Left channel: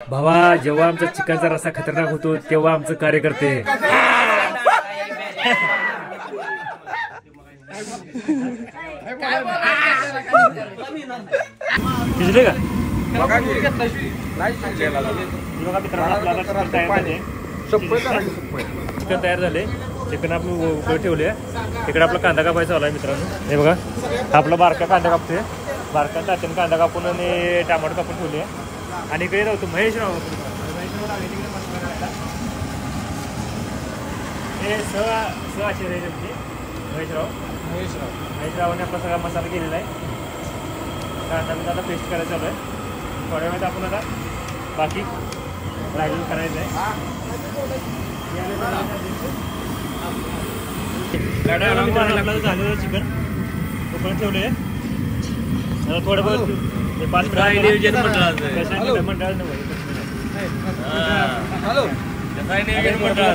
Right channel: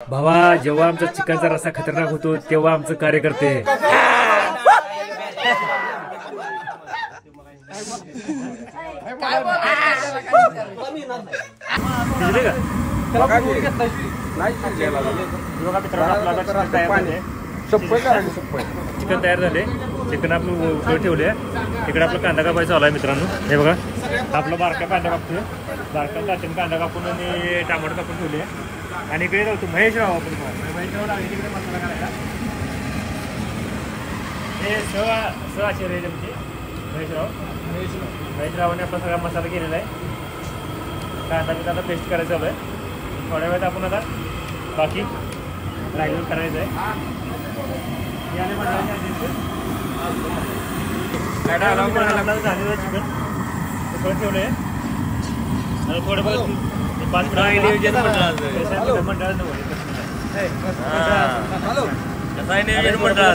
भावा, जेव्हा आमचा चिकनचा रस्सा खतरनाक होतो तेव्हा आमचं कार्यकर्ते मित्रांनो आपला चिकन तयार झाले. चिकन तयार झाले. चिकन आपण उकळत ठेवले. तिकडे आपला कांदा कापायचा आलाय मित्रांनो. हे बघा आपला बारका कांदा कापतोय. बारका तात्याने कांदा कापून आणि टमाटर कापून ठेवले. आणि इकडे राहतो महेशराव. महेशराव लागले तिकडे मसाला करायला. हे आचार्य आहे तुमचे महेशरावाने आपला सगळा मसाला केलेला आहे. कांदा मी आता पेस्ट करायचं चालू आहे. थोड्या वेळात आपण आता बाकी रायगड करायचं आहे. झालेलं चिकन उकळून ठेवले. थोडं बहुत 5 मिनिट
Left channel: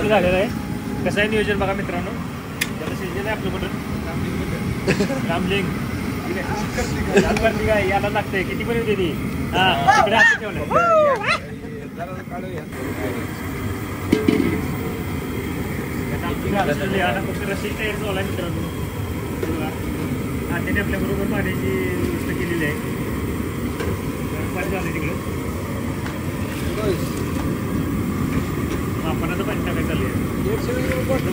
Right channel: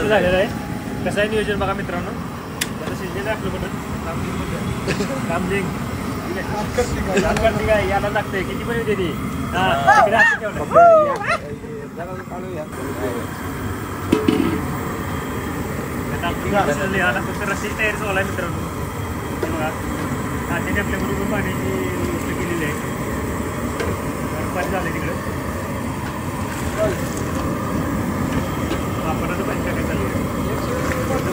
झालेलं आहे. कसं आहे नियोजन बघा मित्रांनो. त्याला शिजलेलं आहे आपलं मटण. कामजिंग काय याला लागतंय. किती पण होते ती तिकडे हात ठेवलं. फक्त रस्त्याची तयारी चालू आहे मित्रांनो. त्याने आपल्या बरोबर पाण्याची व्यवस्था केलेली आहे. गरम पाणी झालं तिकडे. आपण आता पंचमी चालू आहे.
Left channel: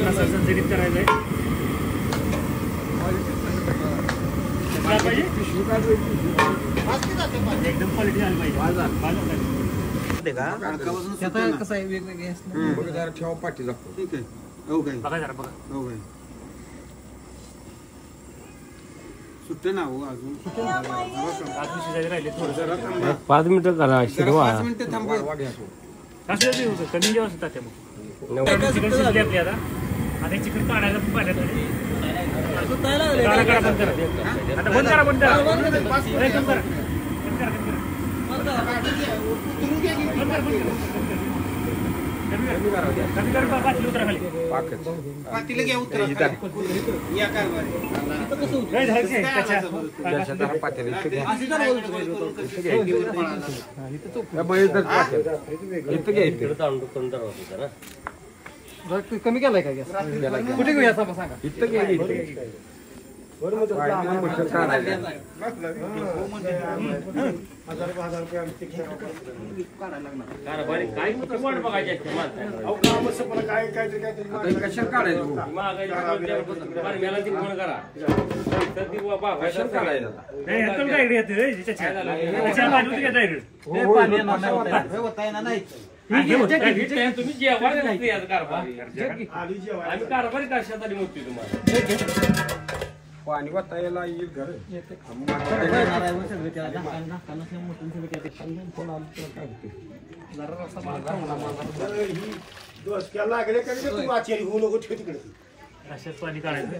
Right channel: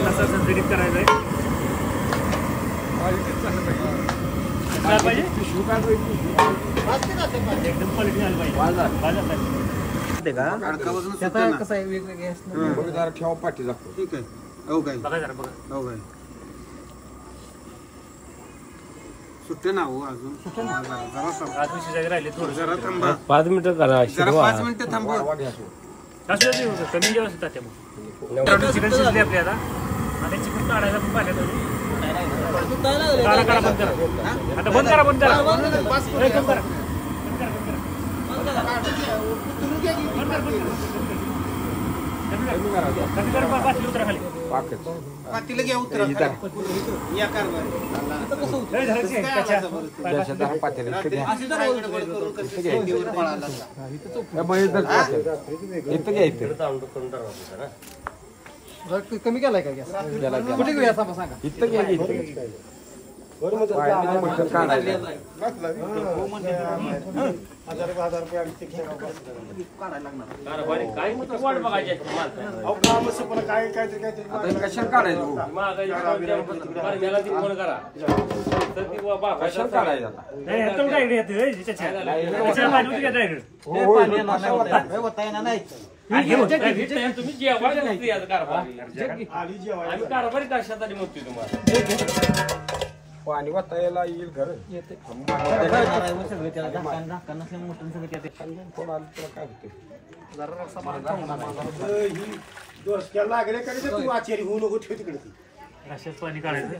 असं संतुलित करायचं आहे. पाहिजे एकदम क्वालिटी झाली पाहिजे. कसं आहे वेगवेगळे ठेवा पाठी लागतो. ठीक आहे. बघा जरा बघा. सुट्टे ना हो अजून राहिले थोडं 5 मिनिटं करा. 5 मिनिटं थांबव. कमी जेव्हा त्यामुळे चिकन शिजले आपले आता. आणि चिकन काढायला पण पाण्यात करा. बंद करा आता. बंद करा. बंद करा. कम करा. पातीला घ्या उतरा या कारभार कमी केलाय का गॅस? कुठे घेऊया सांगा. इथं तुम्ही जेवायला आम्ही कारभारी कशासाठी म्हणतोय तुम्हाला. पाणी वाटायला येईल घर लागले का तू आचारी होऊ नको तिकडे. रश्यात पाणी काढायचं.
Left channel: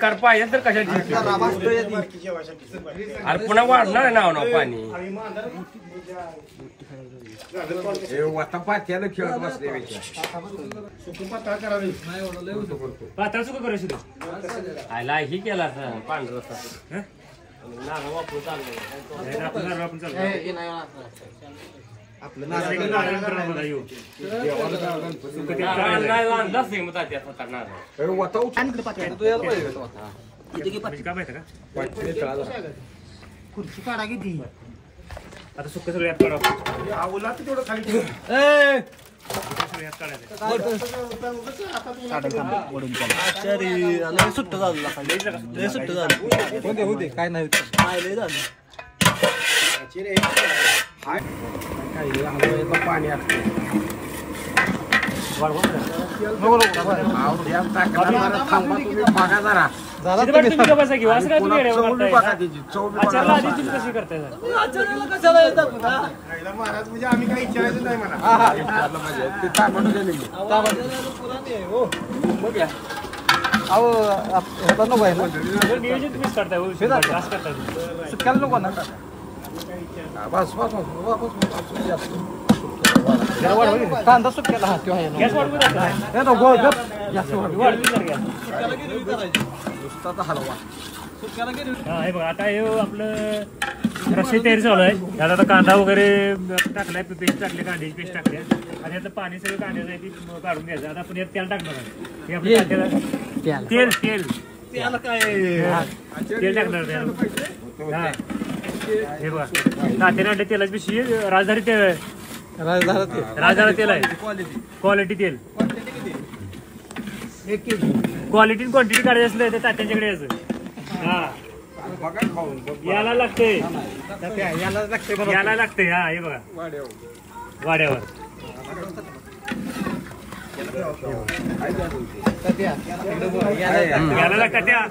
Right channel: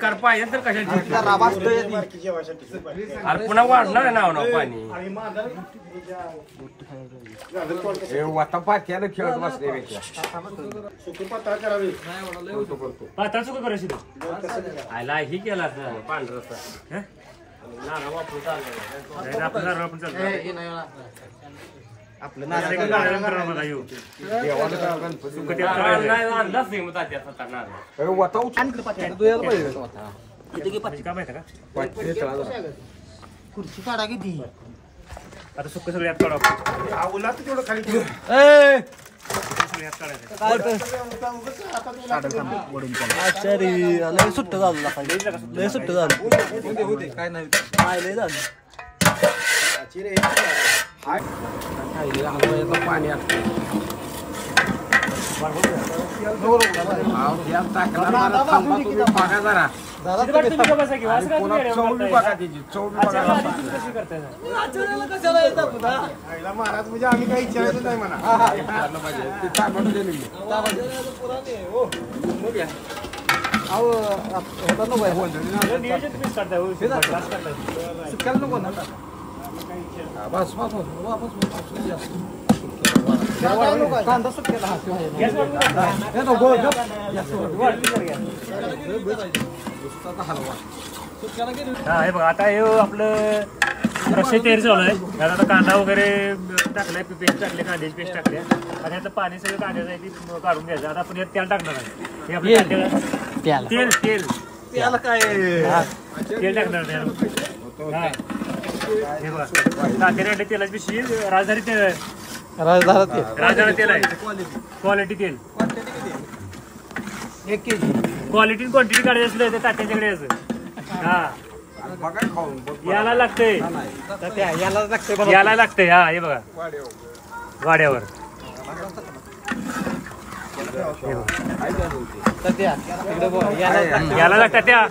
काढ पाहिजे तर कशाची अरे पुन्हा वाढणार ना पाणी. पात्याला खेळत बसले पातळ सुका करायची तू. आयला ही केला पांढरा रस्सा. नारळ वापरून चाललं. आपण चालू आपलं नारळ खुर्ची काढा किती आता सुक्क सगळे ऍप काढा. सुट्ट झालं लय सुट्ट झालं. होते काय नाही काय लय झालं. पाणी बघा जरा. चौबी बघा त्याची. चौबी बघा महाराज म्हणजे आम्ही काही विचारायचं नाही म्हणा. ते तांबडून दिले मी. बस बस कांदा सुट्ट्याला हलवा. हे बघा आता हे आपलं रस्सी तयारी चालू आहे. त्यात आता कांदा वगैरे टाकलाय, पेस्ट टाकली, कांद्याची पेस्ट टाकली आणि आता पाणी सगळं कांद्याचं आहे ती काढून घ्यायचं. आता आपण यात तेल टाकणार आहे. हे आपल्या कांद्याला तेल तेल त्याला काय तेल टाकणार आहे. हा हे बघा तात्याने वाटतं तेलाची पिशवी राजधानी तेल राजधानी तेल आहे. क्वालिटी तेल 1 kg. क्वालिटी क्वांटिटी काढायची असलं तर तात्यांच्याकडे यायचं. हा बघा खाऊन बघ. याला लागतंय याला लागते याला लागतंय. हा हे बघा वाड्यावर याला लागतात त्या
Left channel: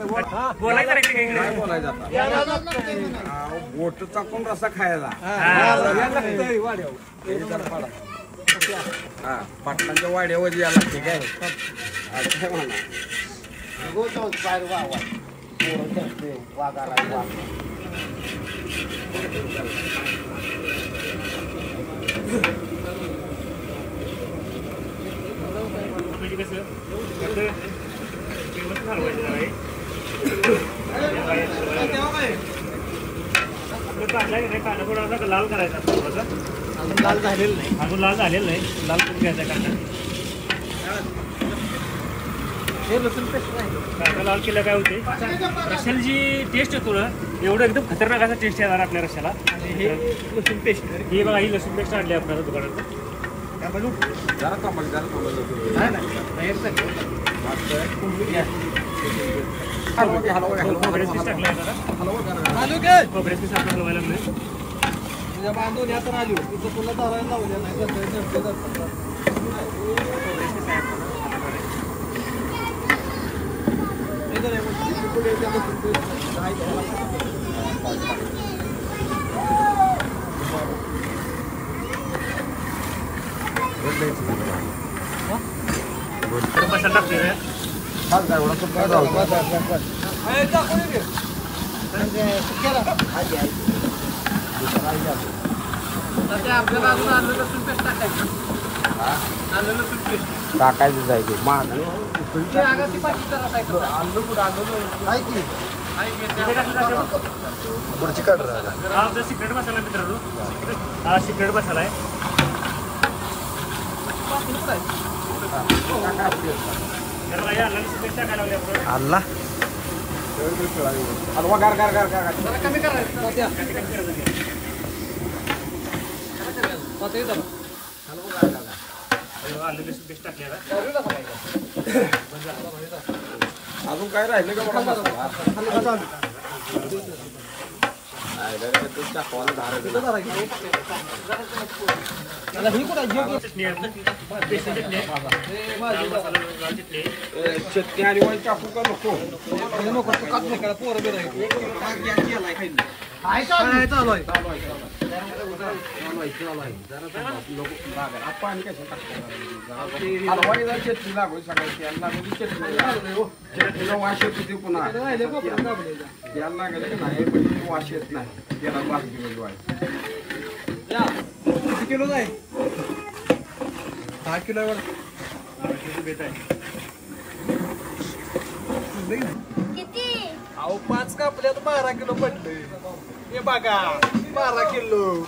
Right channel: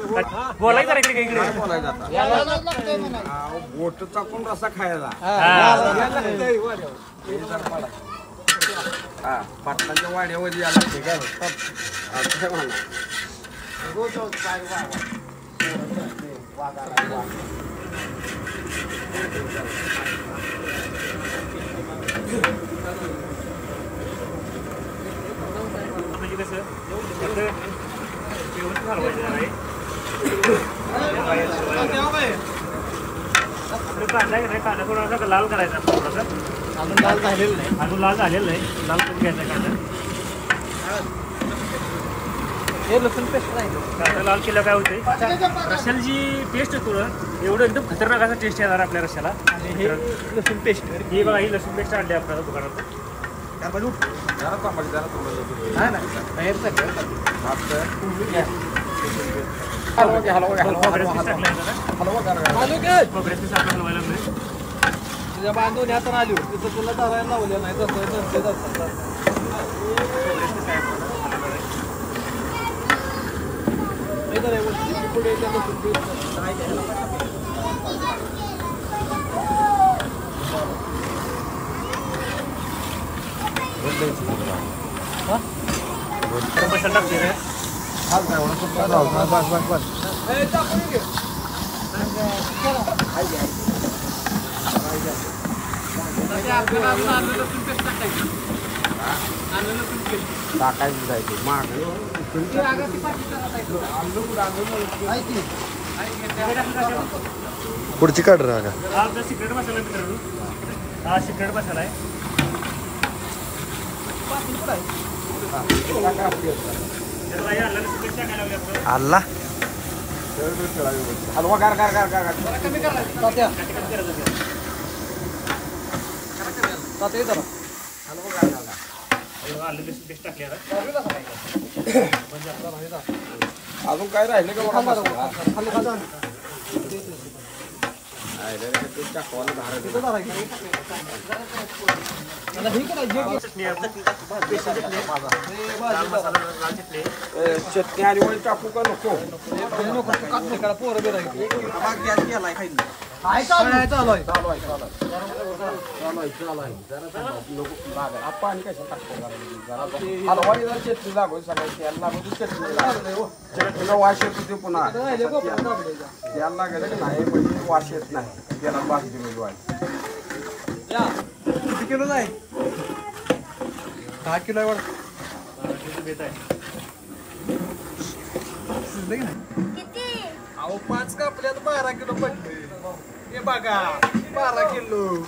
बोलायचं काय बोलायचं आता? बोट चाकून रसा खायला. हा पाटलांच्या वाड्यावर यायला लागते काय असं म्हणा. म्हणजे कसं व्यवस्थित हलवायचं आहे. आपलं कांदा आहे, कांदा थोडासा लाल करायचा. थोडासा लाल झालेलं नाही. अजून लाल झालेलं नाही. लाल करून घ्यायचा कांदा. हे लसूण पेस्ट नाही. कांदा लाल केलं काय होते रश्याला जी टेस्ट आहे थोडं एवढं एकदम खतरनाक असा टेस्ट येणार आपल्या रश्याला. हे लसूण पेस्ट ही बघा ही लसूण पेस्ट आणली आपल्याला दुकानात. खोबऱ्याचं पीस टाकलं आहे जरा. खोबऱ्याचं पीस आपल्याला हलवायला लागले. तुझ्या बांधून यातून आली तिथं तुला धरायला लावलं नाही खोबऱ्याचं पीस आहे आपल्याला. गरम मसाला टाकते रे. आपल्याला अजून आलं लसूण पेस्ट टाकायचं. आलं लसूण पेस्ट टाकायचं जायचं महाग आलं कुठं आलं पुढची काढ हा आपला सिक्रेट मसाला आहे मित्रांनो. हा सिक्रेट मसाला आहे. आला हलवा गार गार गार गार कमी करायचं. अजून काय राहिलं का बघा. चटणी आणि वळी टाकू का नको. पाणी कशा टाकतो हलवाडी जर चटणी लागू सगळ्या तेल लागू चटणी चटणीला वाश येत होती पुन्हा तेल लागेल की नाही पण वाश येत नाही. त्याला भाजी किती किलो आहे? 10 किलो आहे. अहो 5 कापल्यात 12 किलो पडले. हे बघा 12 किलो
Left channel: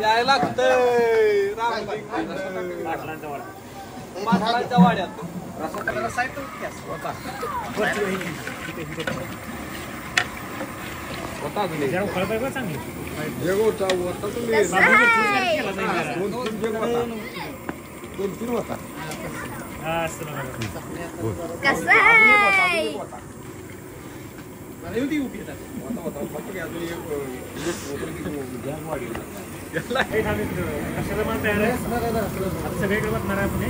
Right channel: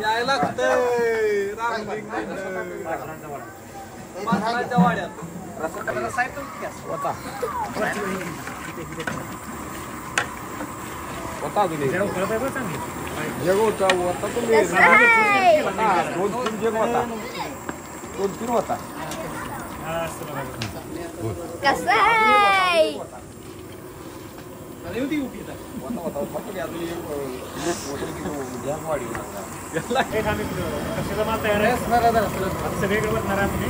यायला लागतंय. माठाच्या वाड्यात रसा होता की नाही चांगली जग होता तुम्ही 2-3 होता. कसं आहे? कशाचा माल तयार आहे आता सगळीकडे बसणार आहे आपण.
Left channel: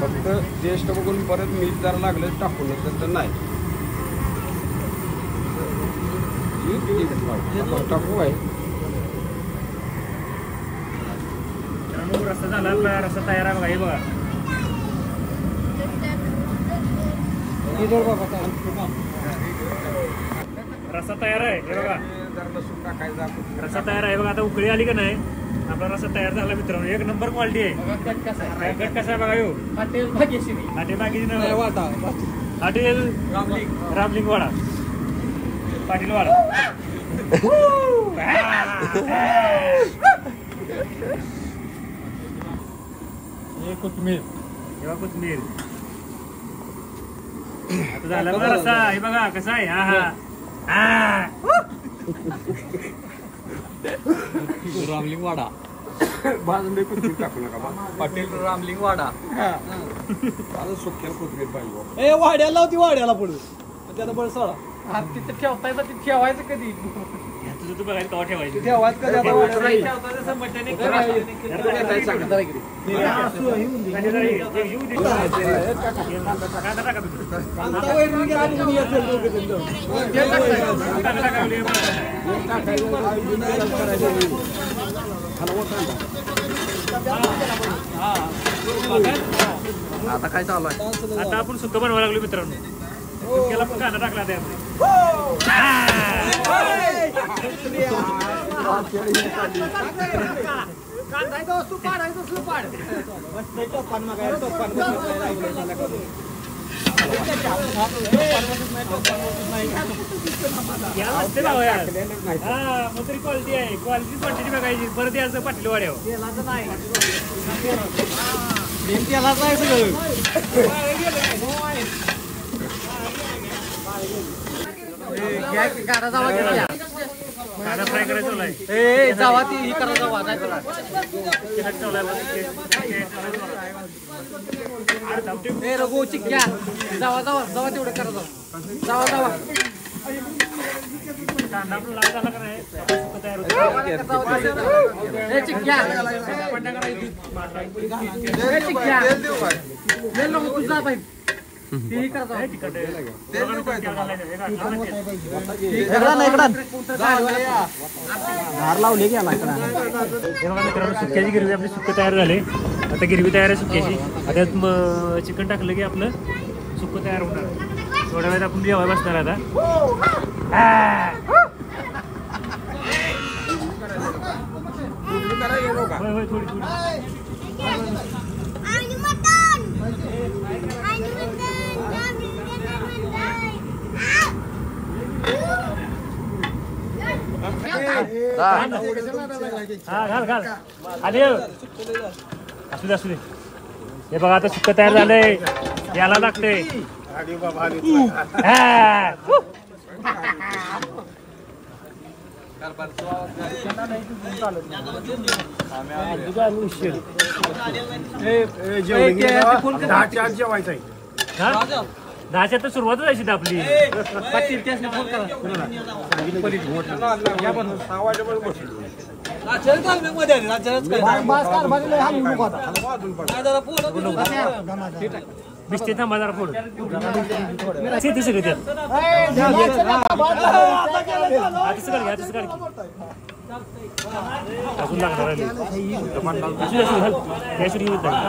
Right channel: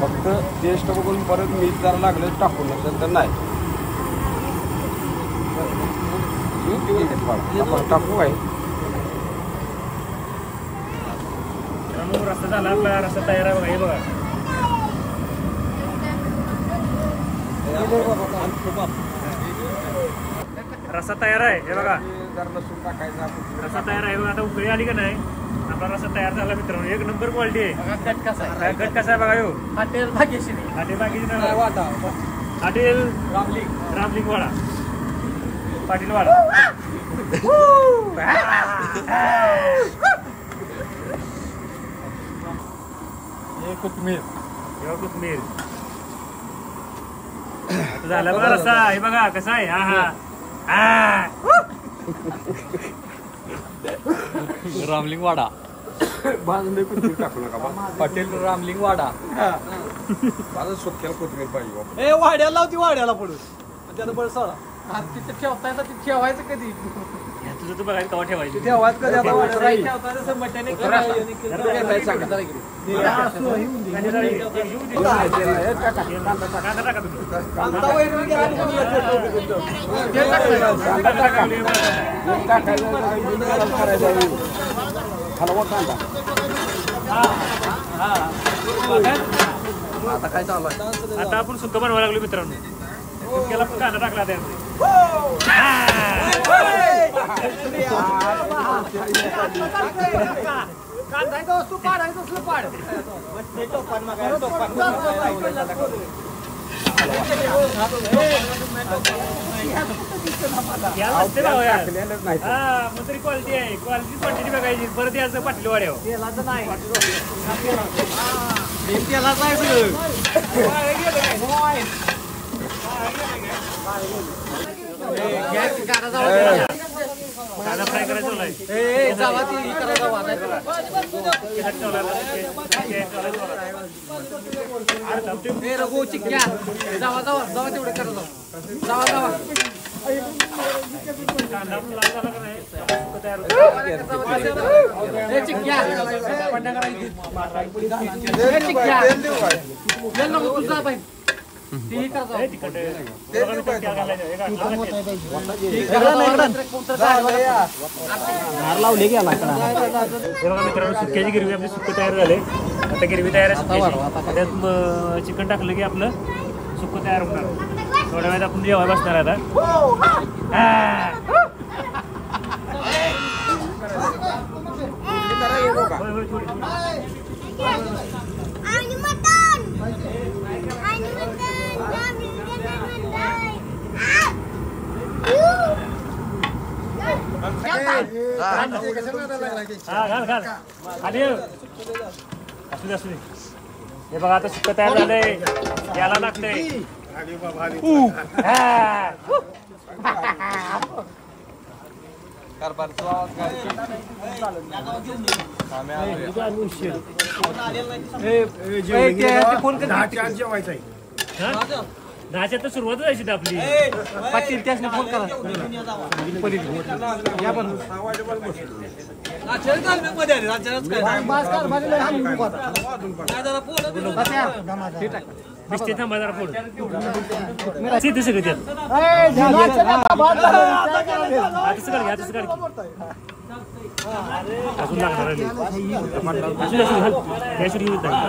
फक्त टेस्ट बघून परत मीठ जरा लागलं टाकून तर नाही टाकू आहे. रस्ता झाला आपला. रस्ता तयार आहे बघा. हे बघा रस्सा तयार आहे. हे बघा रस्सा तयार आहे बघा. आता उकळी आली का नाही आपला रस्सा तयार झाला मित्रांनो. एक नंबर क्वालिटी आहे. गट कसा आहे? काय गट कसा आहे बघा यो. हॉटेल भाग्यश्री. हॉटेल रामलिंग वाडा, पाटील वाडा. कोथमीर. कोथमीर आता झाला बघा रस्सा. हे बघा कसा आहे. हा हा हा. रामलिंग वाडा. बाजूला कोथिंबीर टाकू नका बा. हॉटेल रामलिंग वाडा. बाजू सुक्याला कोथिंबीर पाहिजे. ए वाड्याला होती, वाड्याला पडून त्यानं बळ सोडा. तिथे ठेवता येतं, तिथे ठेवायचं कधी? तुझं तू बघायचं कवा ठेवायचं. ठेवायचं कधी आता वाड्याला जाईल. कांदा टाका तुम्ही. कांदा वगैरे घ्या आणि कोणी येतं लोकं तिथं. ते टाकायचं. कांदा टाका. आता काय चालू आहे? आता आपण सुक्क बनवायला लागलो मित्रांनो. सुक्याला पण कांदा टाकला त्यामध्ये. याला नसते भाव यार. हा मग तरी क्वालिटी आहे. क्वालिटी क्वांटिटी बघायची. परत यायचं पाटली वाड्यावर. तेलाचं नाही. तेलाचं आहे सगळं. कांदा फ्राय करायचा आहे. जावा ती ही करायचं वाजायचं. ए रघु चिक्क्या जावा जावा जावा तेवढं करा. जावा जावा कांदा पण लाल झाला का नाही तयार होतो. ए चिक्क्या ए चिक्क्या ये नको तू जा बाई. ती करता तिखट बघा मित्रांनो क्या घालायचं. हे घातलं लावले गेला. हे बघा मित्रांनो सुक्याची गिरवी आपली सुक्क तयार झाले. आता गिरवी तयार आहे सुक्याची. त्यात चिकन टाकलं की आपलं सुक्क तयार होणार. थोड्या वेळात आपण जेवायला बसणार आता. आणि मटण. घाल आधी असू दे. हे बघा आता सुक्क तयार झाले. याला लागते. जेवायचं आहे. 10च्या तर सुरुवातच आहे आपली. पाटील त्यासने फोन करा. या पण बिस्ते थांबा जरा फोड. ते सगळं त्यात तसं काढ. तसं काढ अजून लागणार आहे. घाल त्याशिवाय येत नाही.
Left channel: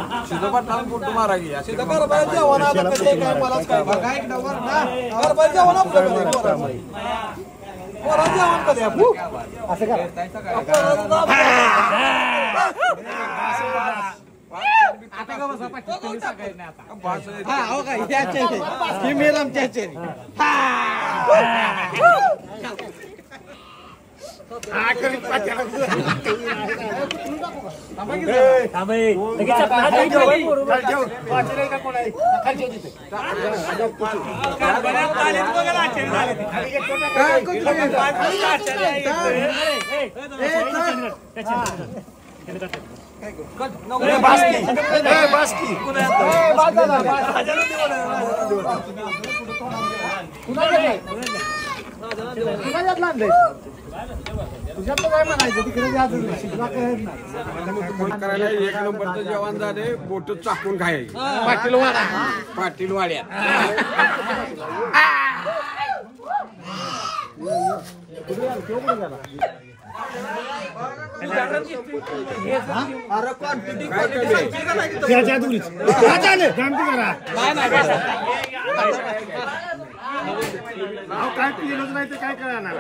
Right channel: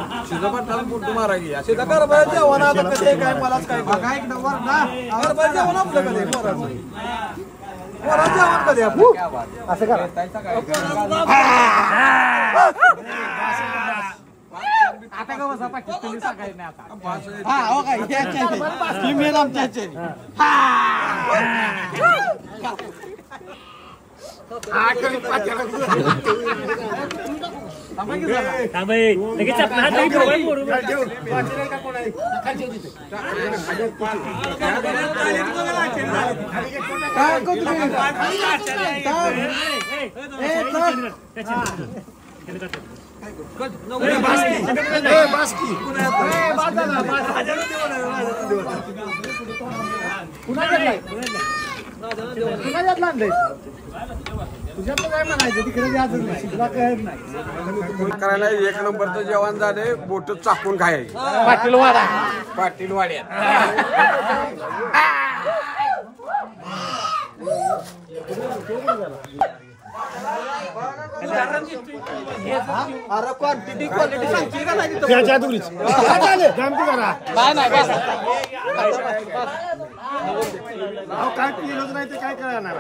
करायला एक नंबरचं जेवण झाले. बोट चाकून खायचे. पाटील वाड्या. काय पिलंच नाही ते काय करणार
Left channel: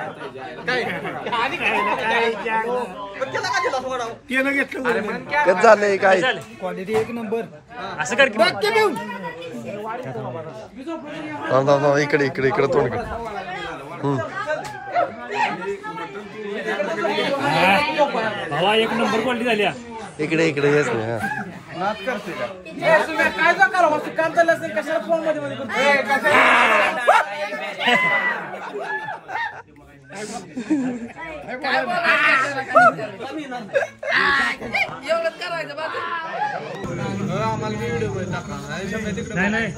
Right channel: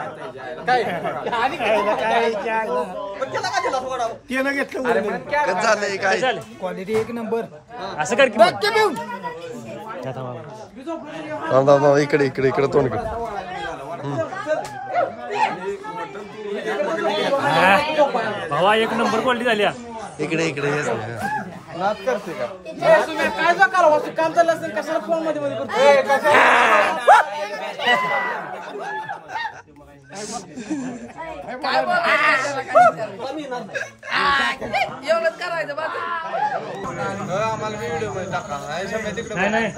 केलं घेतलं कसं झालंय काय क्वालिटी एक नंबर असं कर की. इकडे इकडे इकडे तोंड कर. भावा एक नंबर क्वालिटी झाली हा. इकडे इकडे येस मी, हा. काय काम चाललं असेल कशाला फोन मध्ये नाही नाही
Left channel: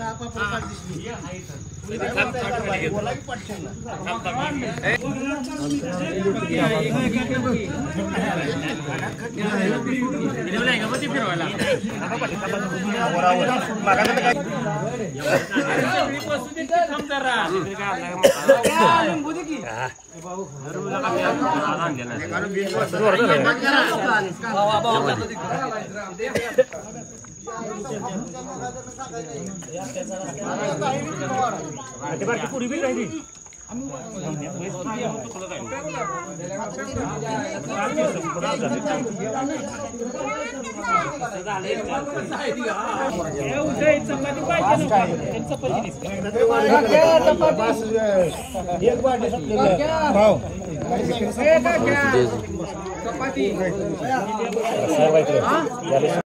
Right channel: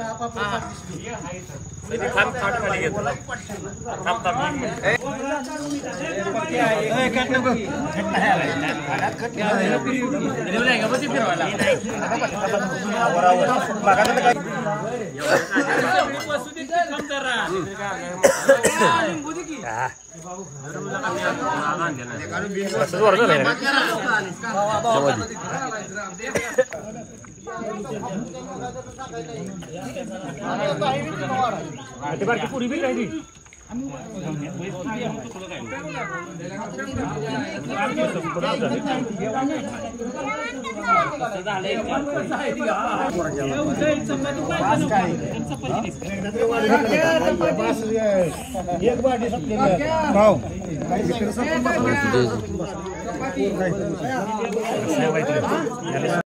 पुरी बी राहिली